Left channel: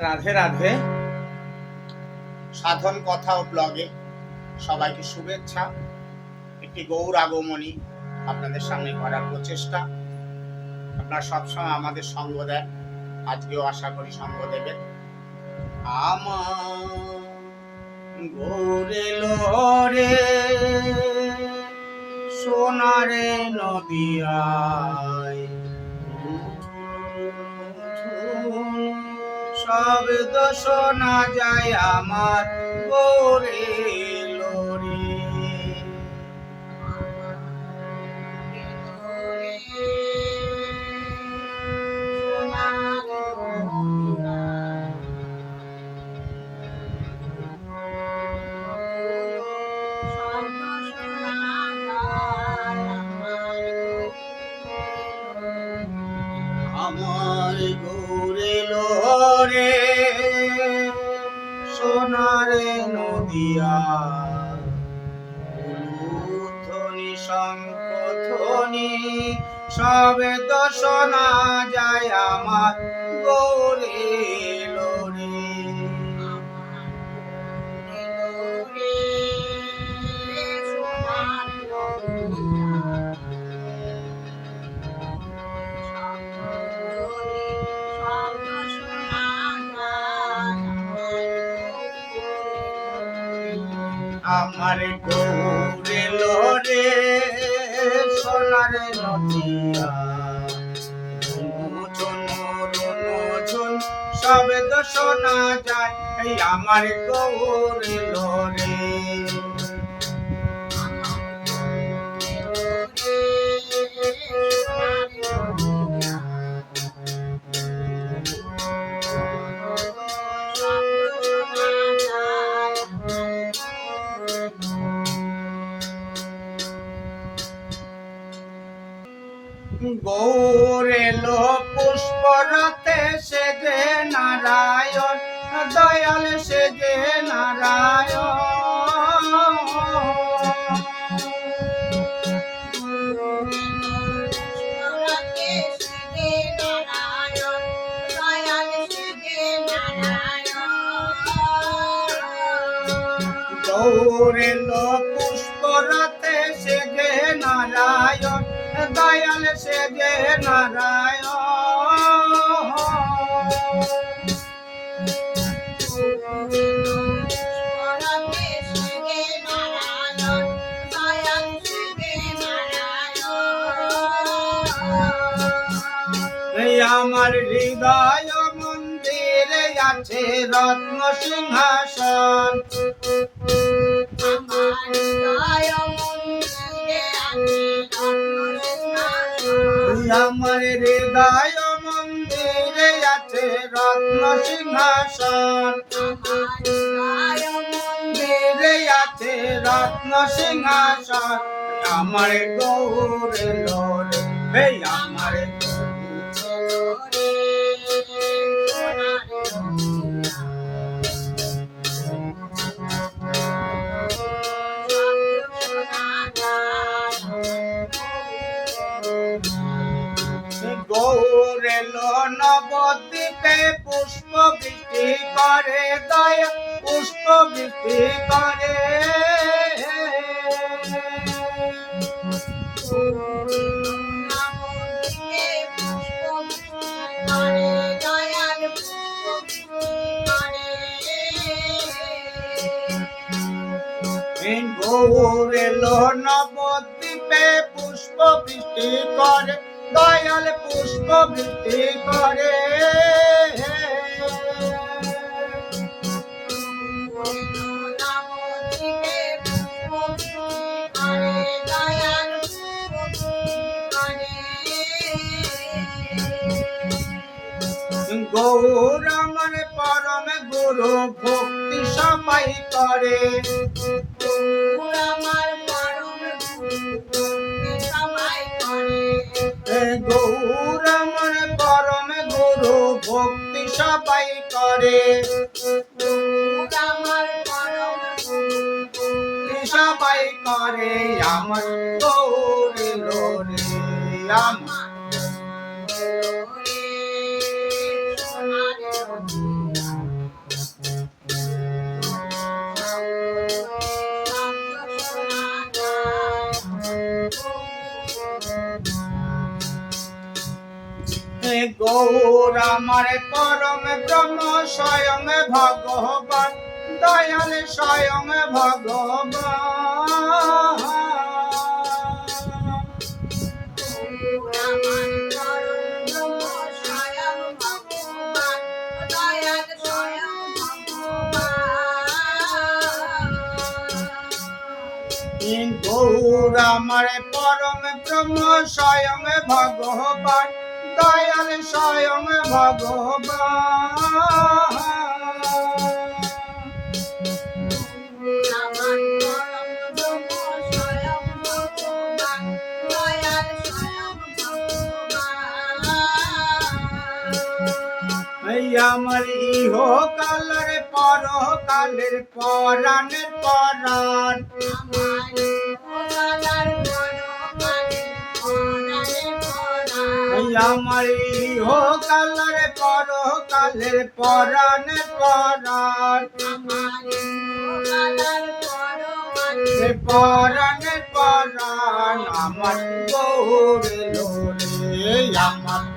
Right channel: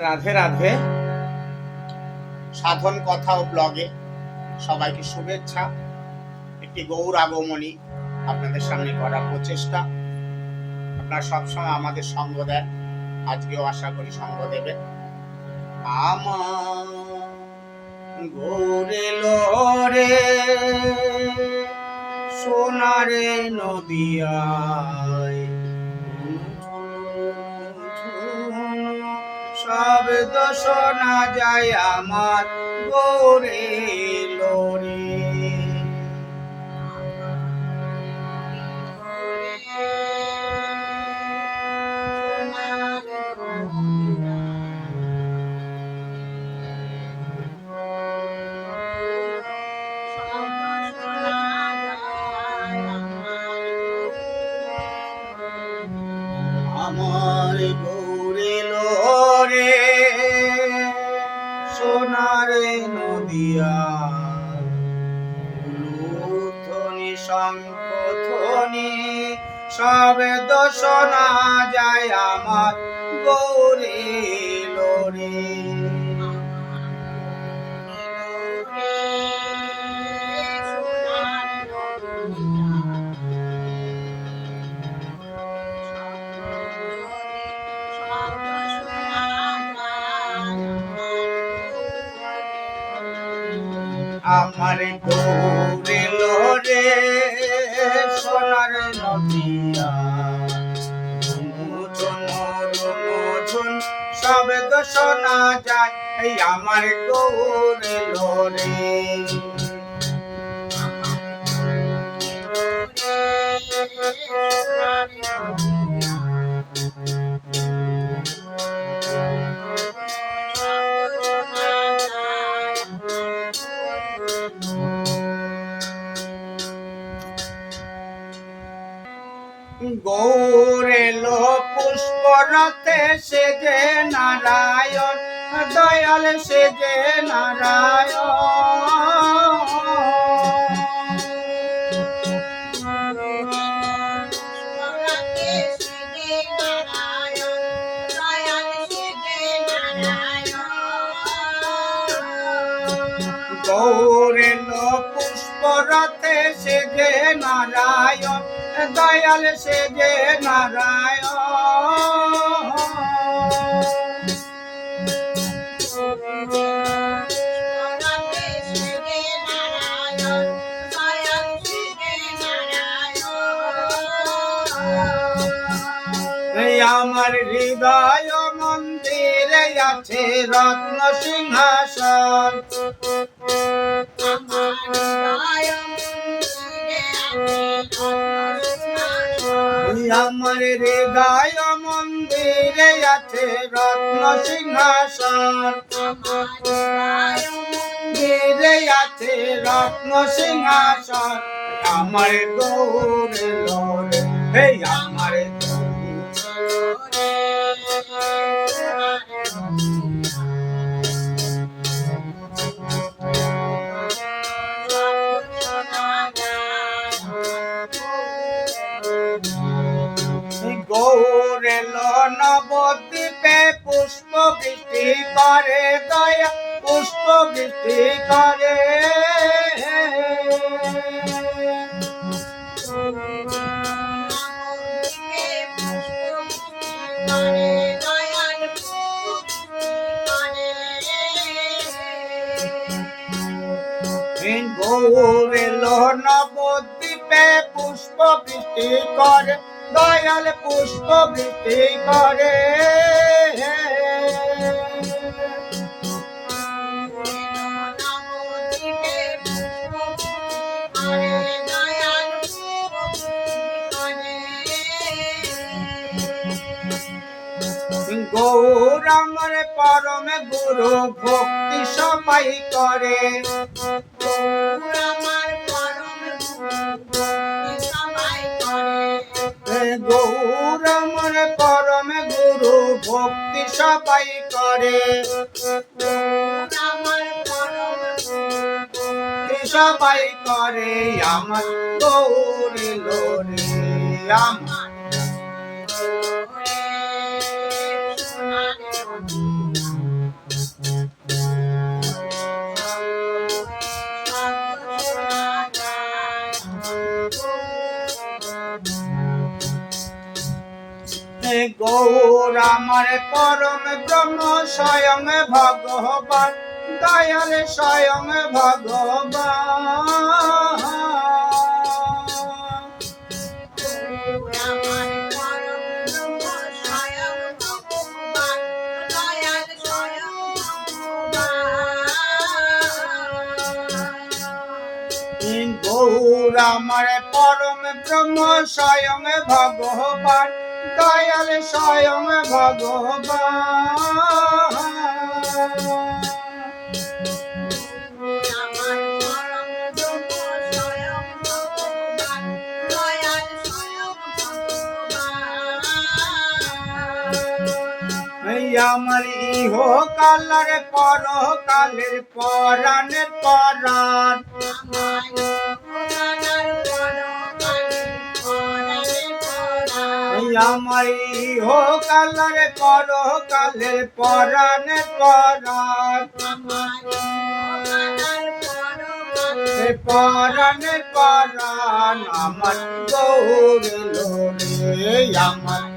রাধে রাধে। সাধন কথা ও ব্লগে সবাইকে শুভেচ্ছা। একটি গৌর আগমনী আপনাদের সামনে করার প্রচেষ্টা। আপনারা সবসময় আমাদের সঙ্গ দেন। আজকেও আশা করি সঙ্গ দেবেন। আমার লোরে সোনারে নদিয়ায় সব দোষ না যায় আমার গৌরে। শঙ্খধ্বনি সবে দোষ যায় আমার গৌরে লোরে। আমার গৌরে লোরে। নদিয়া ঝুন সবে তো শোনা যায় এই আমার গৌর লোরে গৌরে নারায়ণ, দয়াল সে যে নারায়ণ। গৌরে লো পুষ্পরতে সে যে নারায়ণ। দয়াল সে যে নারায়ণ। আমার হৃদয় মন্দিরে আছে রত্ন সিংহাসন। আমার হৃদয় মন্দিরে আছে রত্ন সিংহাসন। মন্দিরে আছে রত্ন সিংহাসন। আমার গৌরে লোরে গৌরেল নবদ্বীপে পুষ্প বৃষ্টি করে দয়া পুষ্প বৃষ্টি করে। গৌরেল পুষ্প বৃষ্টি করে, দয়াল পুষ্প বৃষ্টি করে। গৌর আমার পরম গুরু ভক্তি সবাই করে। এ গৌর আমার পরম গুরু ভক্তি সবাই করে। সবাই করে আমার গৌর লোরে। আমার ভগবান আমার পরম ব্রহ্ম স্বয়ং ভগবান, দয়াল স্বয়ং ভগবান। গৌর আমার পরম ব্রহ্ম স্বয়ং ভগবান দয়াল স্বয়ং ভগবান। আমার ইহ কালার পর কালের পরাণের পরাণ। আমার ইহ কালার পর কালের পরাণ পরাণ। পরাণ পরাণ। আমার গৌরে লোরে আমার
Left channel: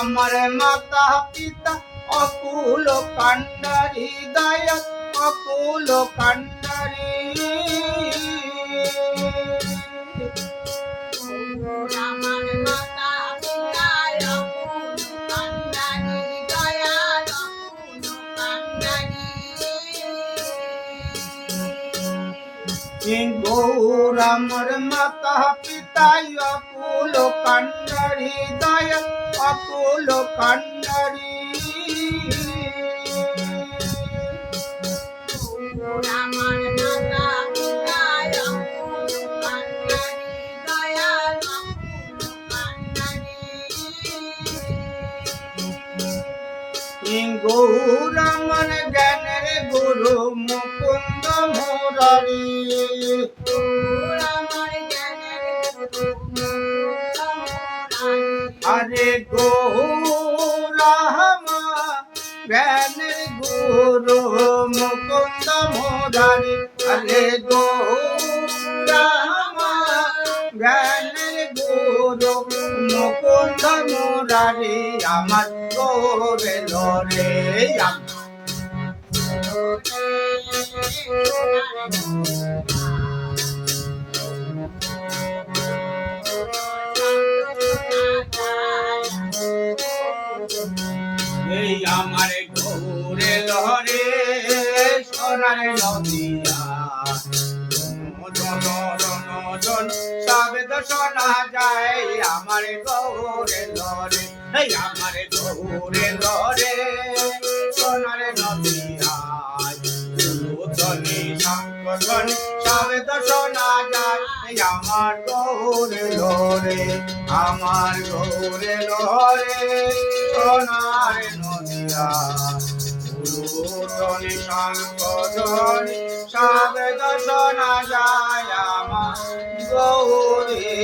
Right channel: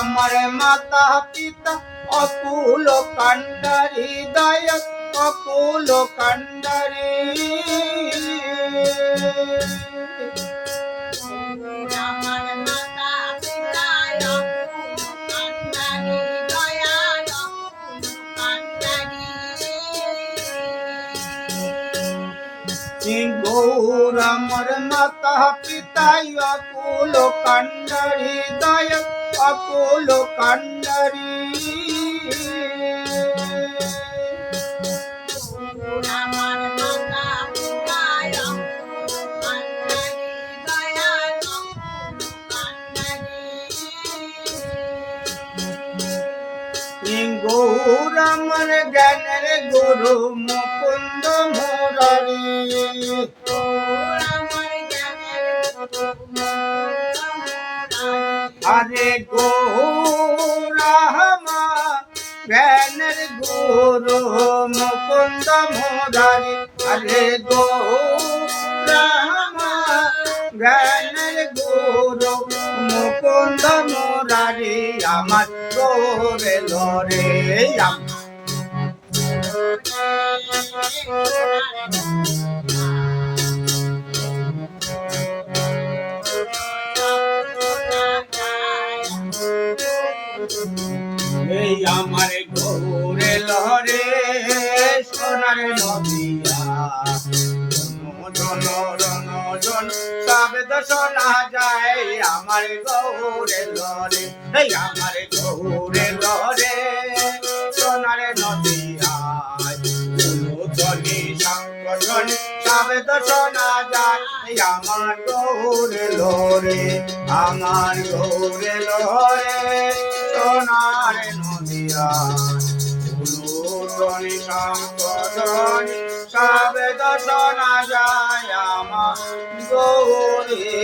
আমার মাতা পিতা অকুল কান্ডারি দয়া অকুল কান্ডারি আমার মাতা পিতায় অকুল কান্ডারি দয়াল অকুল কান্ডারি গৌর আমার মাতা পিতাই অকুল কান্ডারি দয়া অকুল কান্ডারি। আমার মাতা পিতায় অকুল কান্ডারি দয়াল অকুল কান্ডারি। গৌর আমার জ্ঞানের গুরু মুকুন্দ মুরারি। আরে গৌরামা, জ্ঞানের গুরু মুকুন্দ মুরারি। আরে গৌরামা, জ্ঞানের গুরু মুকুন্দ মুরারি, আমার গোরে লরে আমার এই আমার গৌরে লরে সোনার নদিয়া। জন রন জন সাবেদ শোনা যায় আমার গৌরে লরে এই আমার গৌরে লরে সোনার নদিয়া। ধ্বনি সংকটনি সাবেদ শোনা যায় আমার গৌরে লরে আমার গৌরে লরে সোনার উলুটনি সংকটনি সাবেদ শোনা যায় আমার গৌরে